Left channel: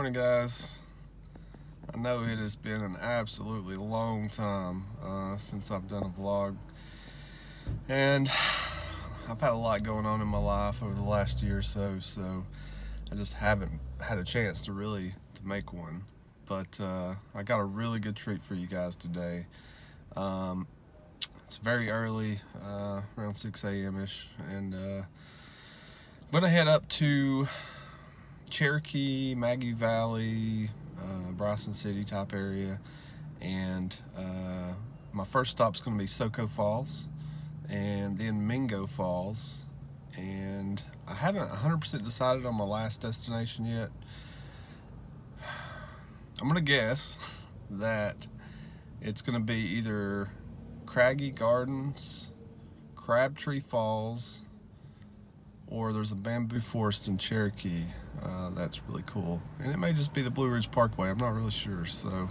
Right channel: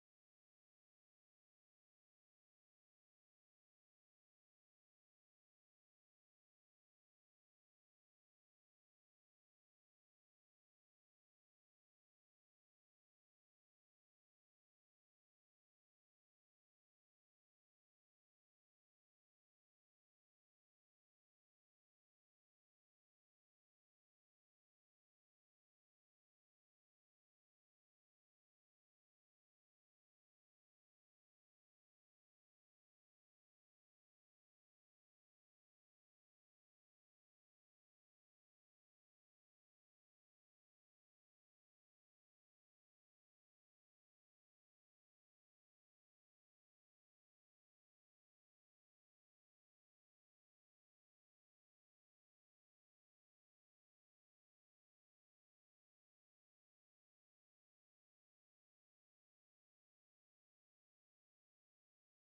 Morning, guys. I know it has been an absolutely long time since I've done a vlog, and I've had a lot going on in my life over the last year or so, I just haven't had a chance to make one. But I got a really good treat for you guys today. It's very early, around 6 a.m.-ish, and I'm gonna head up to Cherokee, Maggie Valley, Bryson City type area, and my first stop's going to be Soco Falls, and then Mingo Falls, and I haven't 100% decided on my last destination yet. I'm going to guess that it's going to be either Craggy Gardens, Crabtree Falls, or there's a bamboo forest in Cherokee. That's really cool, and it may just be the Blue Ridge Parkway. I'm not really sure. So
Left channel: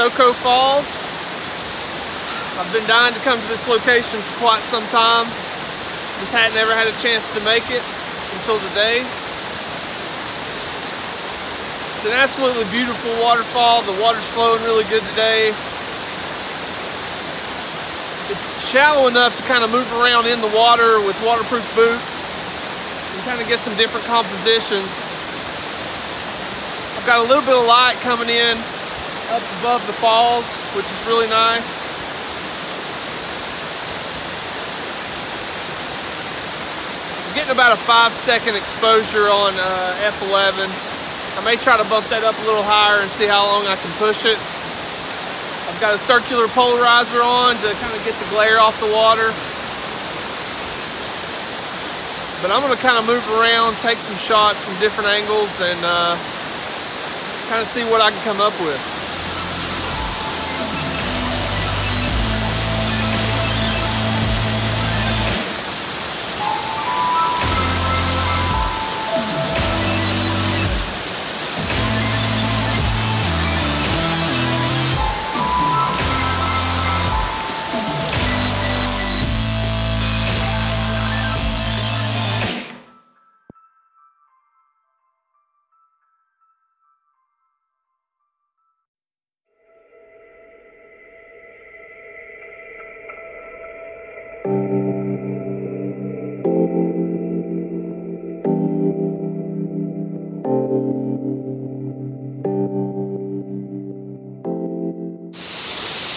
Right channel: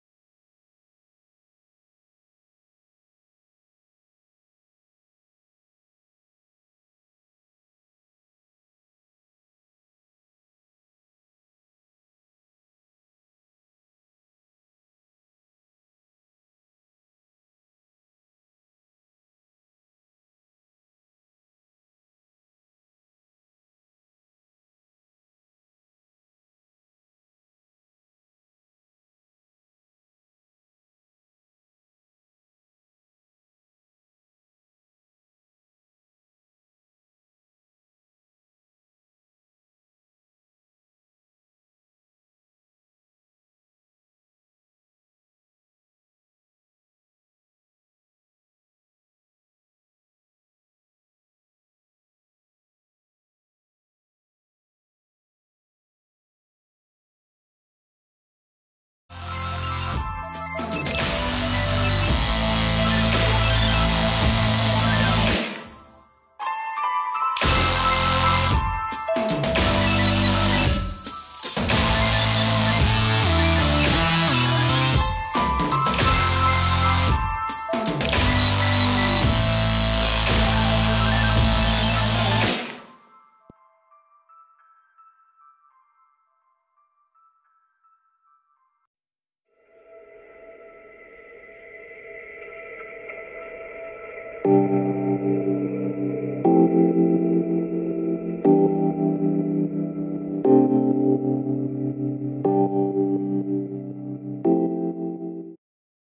Soco Falls. I've been dying to come to this location for quite some time. Just hadn't ever had a chance to make it until today. It's an absolutely beautiful waterfall. The water's flowing really good today. It's shallow enough to kind of move around in the water with waterproof boots and kind of get some different compositions. I've got a little bit of light coming in up above the falls, which is really nice. I'm getting about a 5-second exposure on F11. I may try to bump that up a little higher and see how long I can push it. I've got a circular polarizer on to kind of get the glare off the water. But I'm going to kind of move around, take some shots from different angles, and kind of see what I can come up with.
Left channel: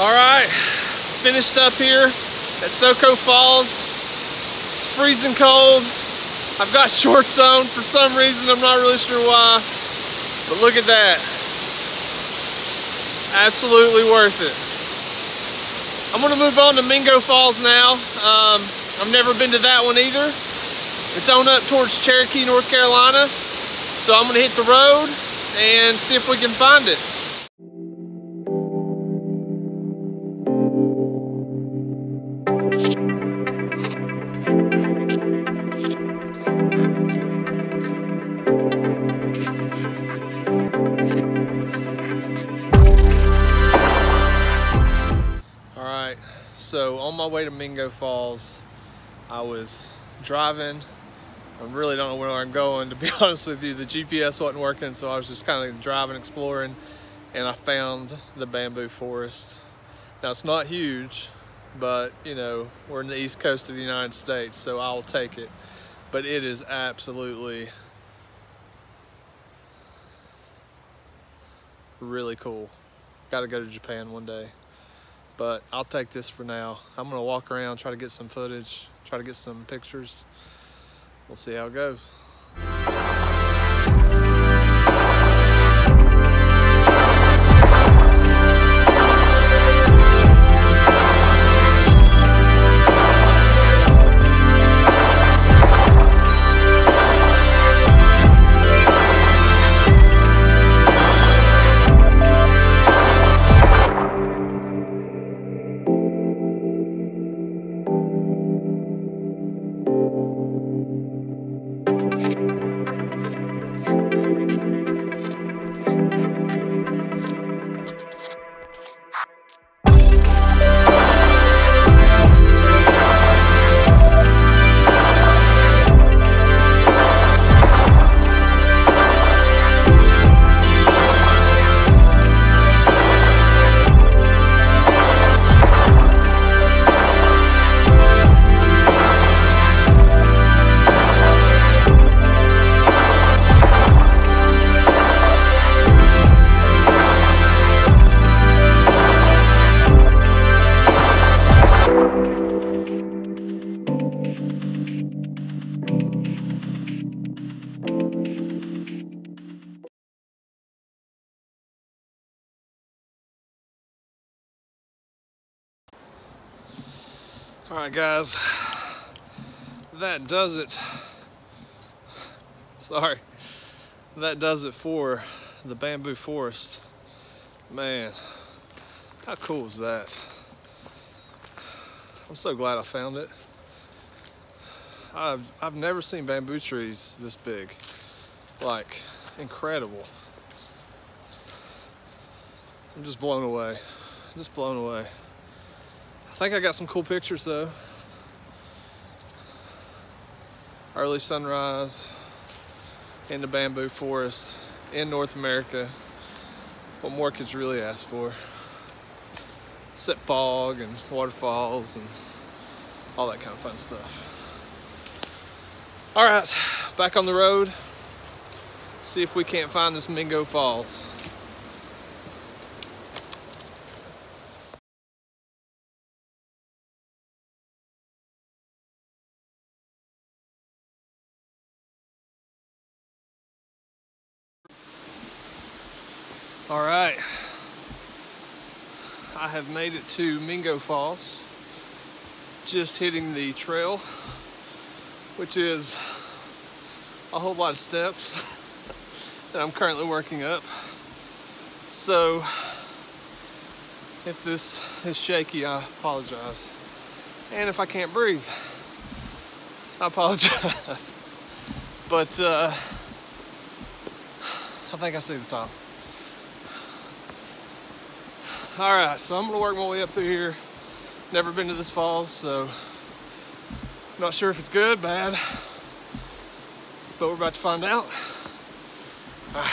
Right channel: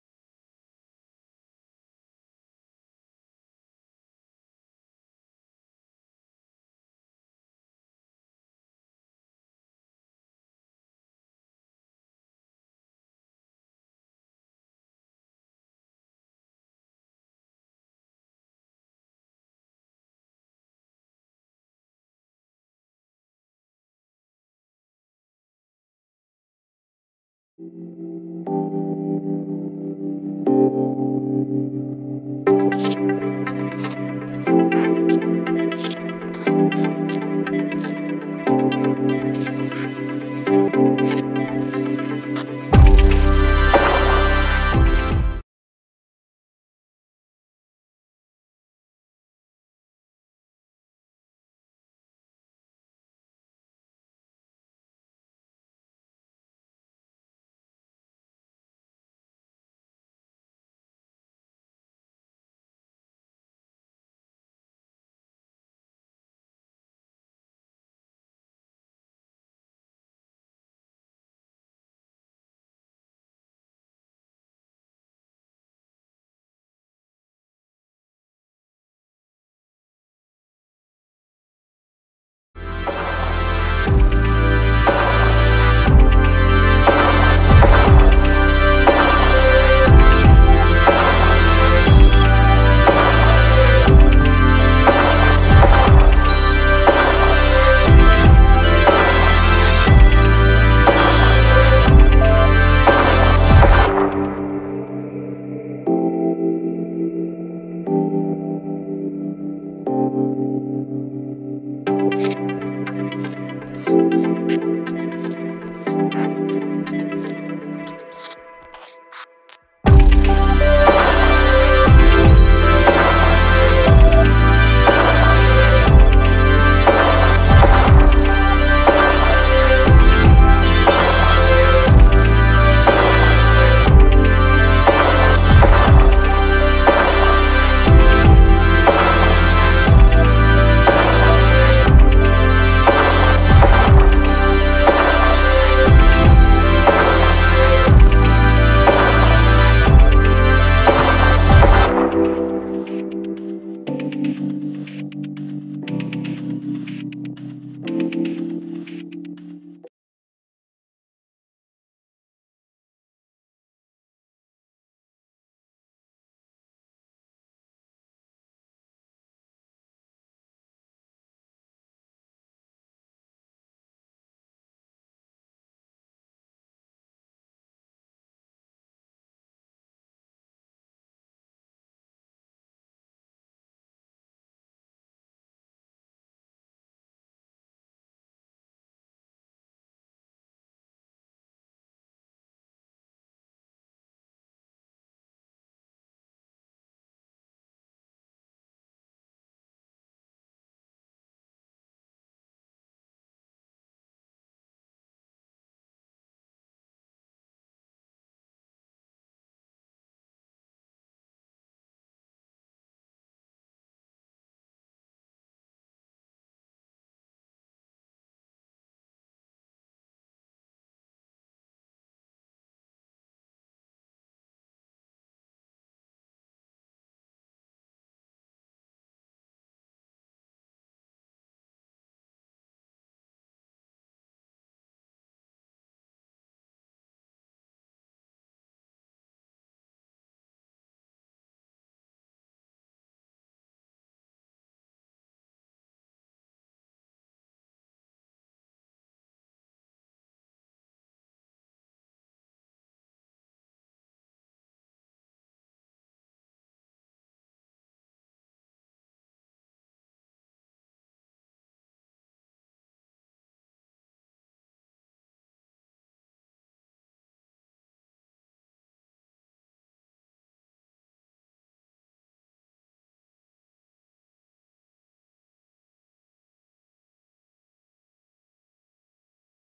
Alright, finished up here at Soco Falls. It's freezing cold. I've got shorts on for some reason, I'm not really sure why. But look at that. Absolutely worth it. I'm going to move on to Mingo Falls now. I've never been to that one either. It's on up towards Cherokee, North Carolina. So I'm going to hit the road and see if we can find it. So on my way to Mingo Falls, I was driving. I really don't know where I'm going, to be honest with you. The GPS wasn't working, so I was just kind of driving, exploring, and I found the bamboo forest. Now, it's not huge, but you know, we're in the east coast of the United States, so I'll take it. But it is absolutely really cool. Got to go to Japan one day, but I'll take this for now. I'm gonna walk around, try to get some footage, try to get some pictures. We'll see how it goes. All right, guys, that does it. Sorry, that does it for the bamboo forest. Man, how cool is that? I'm so glad I found it. I've never seen bamboo trees this big. Like, incredible. I'm just blown away. Just blown away. I think I got some cool pictures though. Early sunrise in the bamboo forest in North America. What more could you really ask for? Except fog and waterfalls and all that kind of fun stuff. All right, back on the road. See if we can't find this Mingo Falls. All right, I have made it to Mingo Falls, just hitting the trail, which is a whole lot of steps that I'm currently working up. So if this is shaky, I apologize. And if I can't breathe, I apologize. But I think I see the top. All right, so I'm gonna work my way up through here. Never been to this falls, so not sure if it's good, bad, but we're about to find out. All right.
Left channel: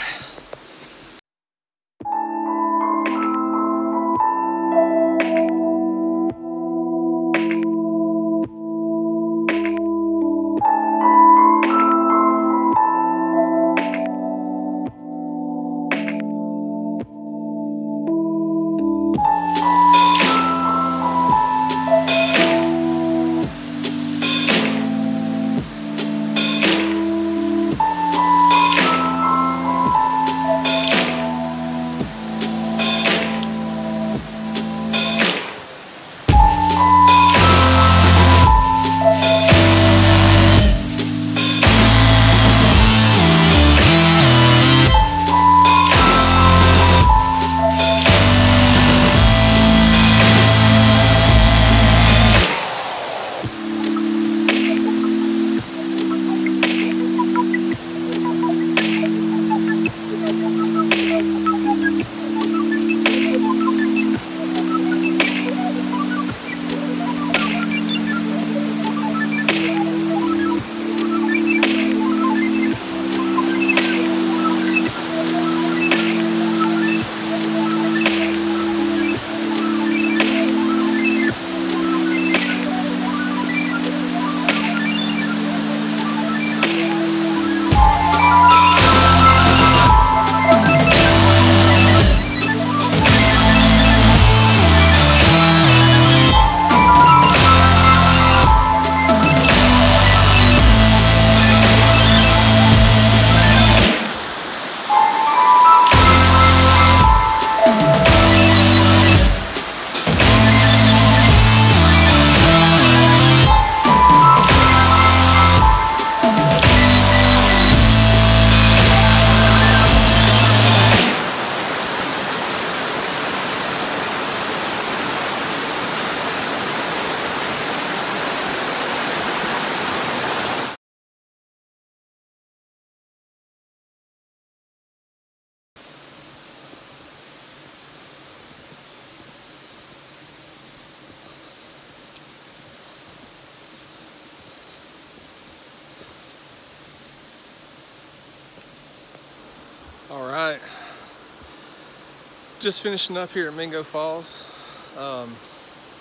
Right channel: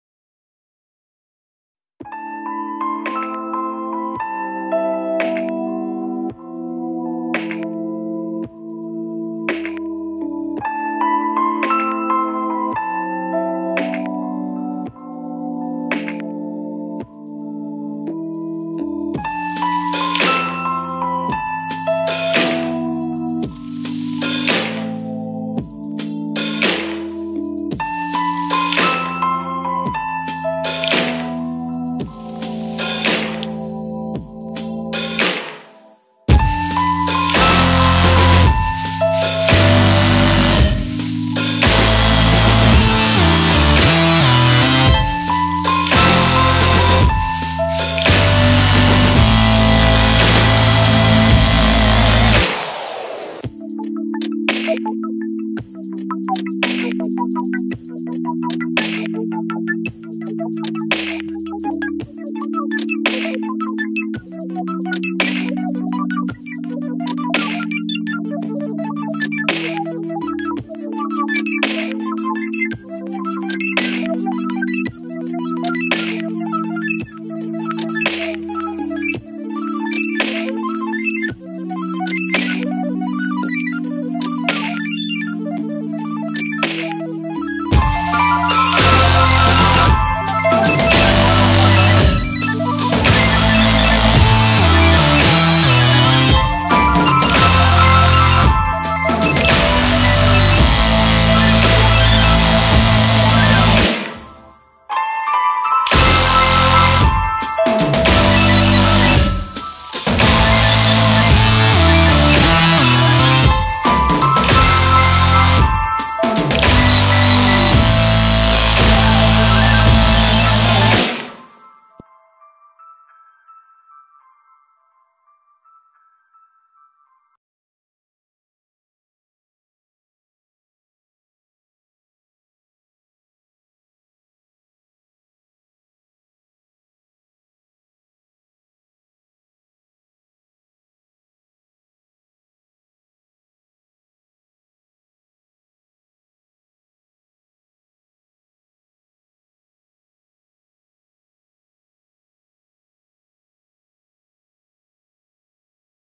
Just finishing up here at Mingo Falls.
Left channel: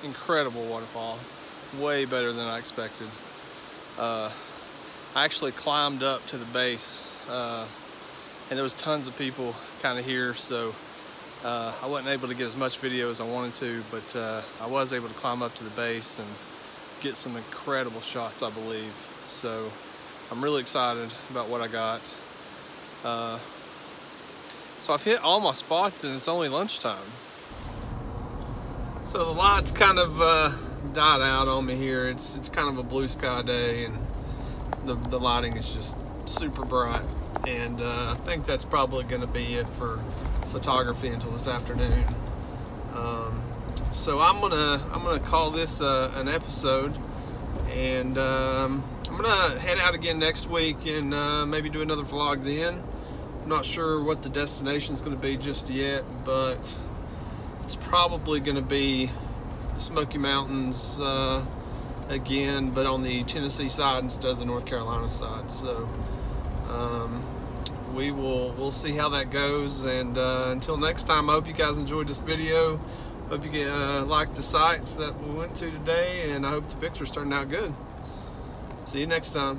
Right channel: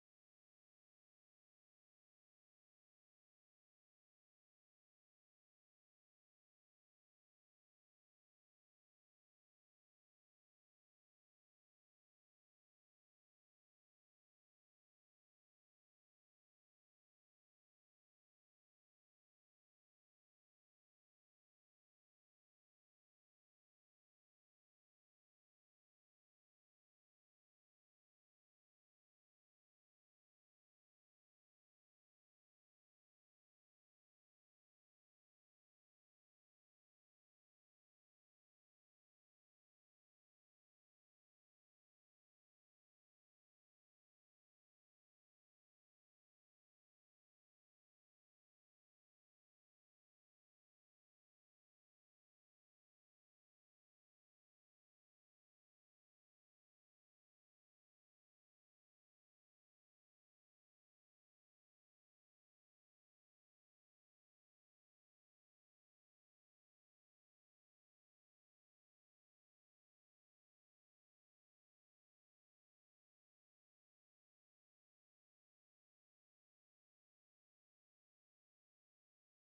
Incredible waterfall, way better than I expected. I actually climbed up to the base, and there was tons of people kind of here, so I wasn't able to get as much video as I wanted to, but I was able to climb up to the base and get some incredible shots, I believe. So I'm really excited about what I got. So I've hit all my spots and it's only lunchtime. So the lights kind of died out on me here. It's kind of a blue sky day, and the lighting is just super bright. And I think that's probably going to be it for photography until this afternoon. So I'm gonna call this an episode, and I'm gonna head out again next week and maybe do another vlog then. I'm not sure what the destination is going to be just yet, but it's probably going to be the Smoky Mountains again, but on the Tennessee side instead of the North Carolina side. So we'll see how that goes, and until next time, I hope you guys enjoyed this video. Hope you like the sites that we went to today, and I hope the pictures turned out good. See you next time.